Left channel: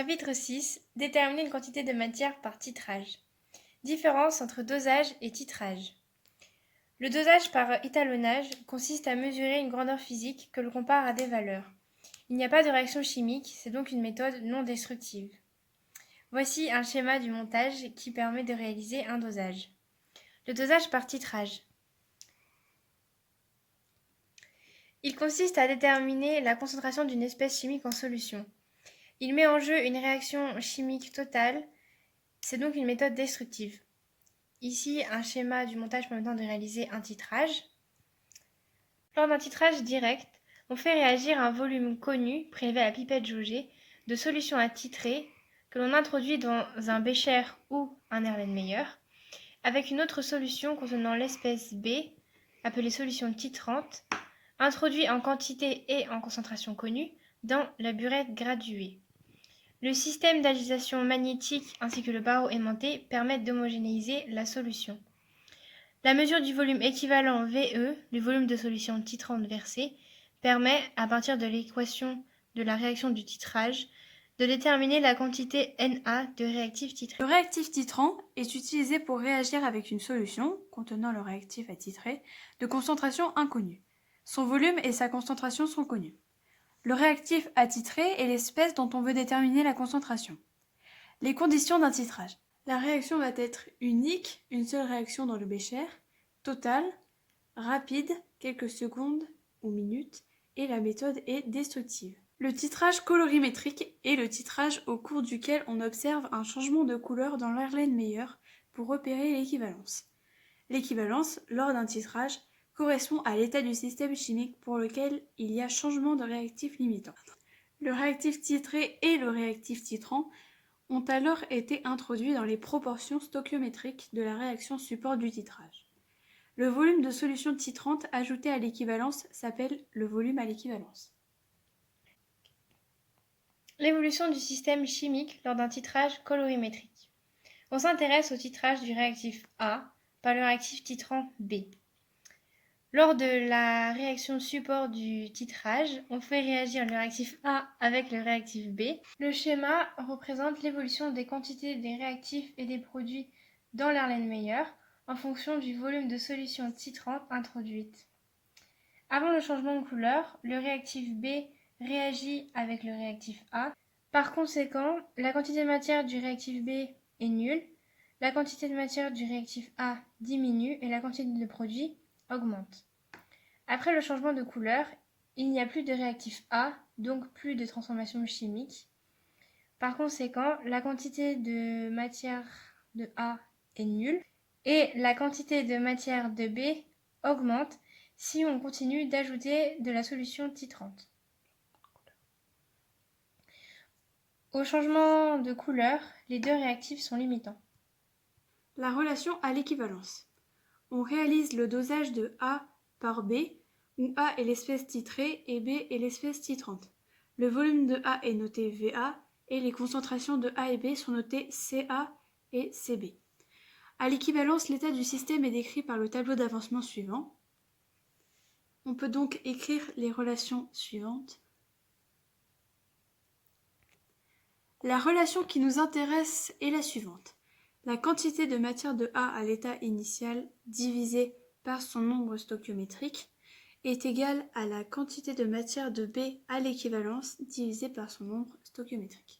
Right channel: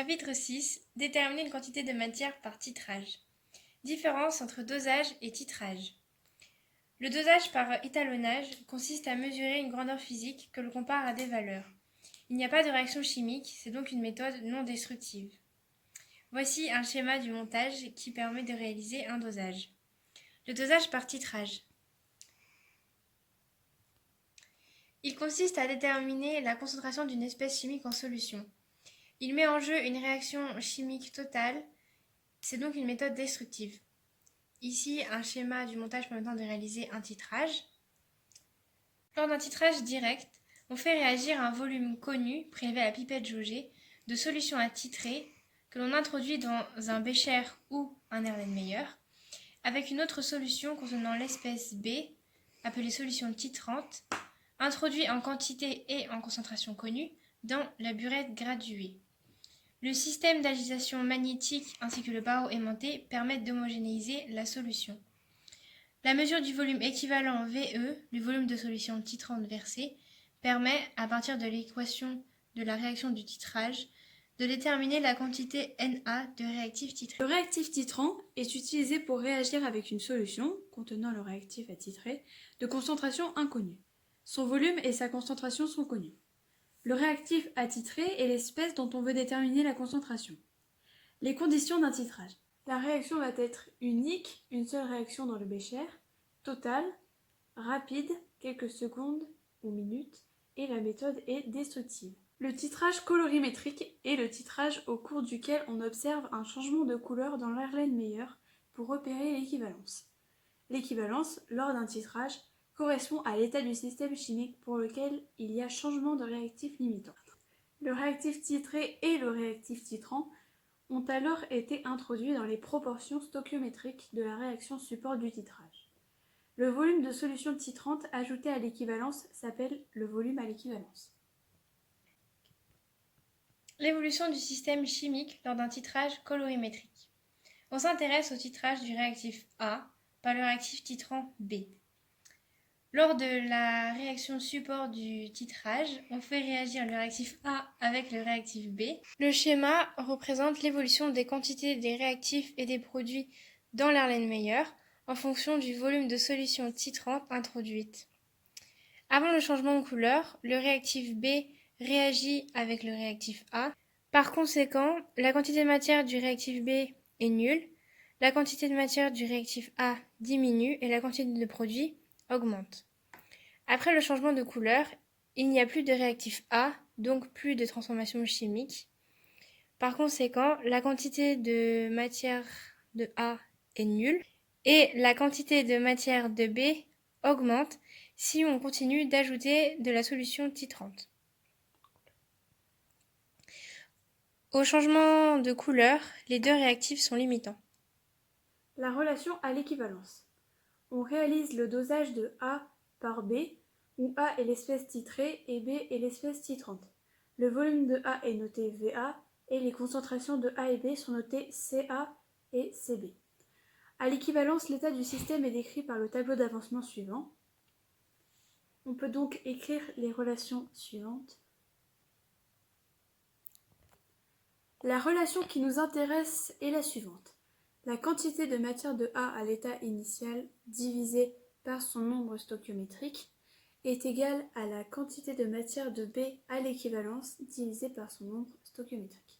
Chapitre 6. Déterminer une quantité de matière par titrage. Différence entre dosage et titrage. Le dosage par étalonnage consiste à mesurer une grandeur physique que l'on compare à des valeurs. Il n'y a pas de réaction chimique, c'est donc une méthode non destructive. Voici un schéma du montage qui permet de réaliser un dosage. Le dosage par titrage. Il consiste à déterminer la concentration d'une espèce chimique en solution. Il met en jeu une réaction chimique totale, c'est donc une méthode destructive. Ici, un schéma du montage permettant de réaliser un titrage. Lors d'un titrage direct, on fait réagir un volume connu, prélevé à la pipette jaugée, de solution à titrer que l'on introduit dans un bécher ou un Erlenmeyer, avec une autre solution contenant l'espèce B, appelée solution titrante, introduit en quantité et en concentration connue dans la burette graduée. Le système d'agitation magnétique ainsi que le barreau aimanté permettent d'homogénéiser la solution. La mesure du volume équivalent VE, le volume de solution titrante versée, permet, à partir de l'équation de la réaction du titrage, de déterminer la quantité Na de réactif titré. Le réactif titrant est utilisé pour réagir avec une solution, contenant le réactif à titrer, de concentration inconnue. Son volume et sa concentration sont connus. Le réactif à titrer est l'espèce dont on veut déterminer la concentration. Les conditions d'un titrage. La réaction va être unique, une seule réaction dans le bécher, totale, rapide, quelques secondes ou minutes, et la méthode est destructive. Le titrage colorimétrique est le titrage au cours duquel on observe un changement de couleur dans l'Erlenmeyer pour repérer l'équivalence. L'équivalence, lors d'un titrage, correspond à l'état du système chimique pour lequel il y a changement de réactif limitant. Le réactif titré et le réactif titrant ont alors été introduits dans les proportions stoichiométriques de la réaction support du titrage. Le volume de solution titrante ajouté à l'équivalence s'appelle le volume à l'équivalence. L'évolution du système chimique lors d'un titrage colorimétrique. On s'intéresse au titrage du réactif A par le réactif titrant B. Lors de la réaction support du titrage, on fait réagir le réactif A avec le réactif B. Le schéma représente l'évolution des quantités des réactifs et des produits dans l'Erlenmeyer en fonction du volume de solution titrante introduite. Avant le changement de couleur, le réactif B réagit avec le réactif A. Par conséquent, la quantité de matière du réactif B est nulle, la quantité de matière du réactif A diminue et la quantité de produit augmente. Après le changement de couleur, il n'y a plus de réactif A, donc plus de transformation chimique. Par conséquent, la quantité de matière de A est nulle et la quantité de matière de B augmente si on continue d'ajouter de la solution titrante. Au changement de couleur, les deux réactifs sont limitants. La relation à l'équivalence. On réalise le dosage de A par B, où A est l'espèce titrée et B est l'espèce titrante. Le volume de A est noté VA et les concentrations de A et B sont notées CA et CB. À l'équivalence, l'état du système est décrit par le tableau d'avancement suivant. On peut donc écrire les relations suivantes. La relation qui nous intéresse est la suivante. La quantité de matière de A à l'état initial divisée par son nombre stoichiométrique est égale à la quantité de matière de B à l'équivalence divisée par son nombre stoichiométrique.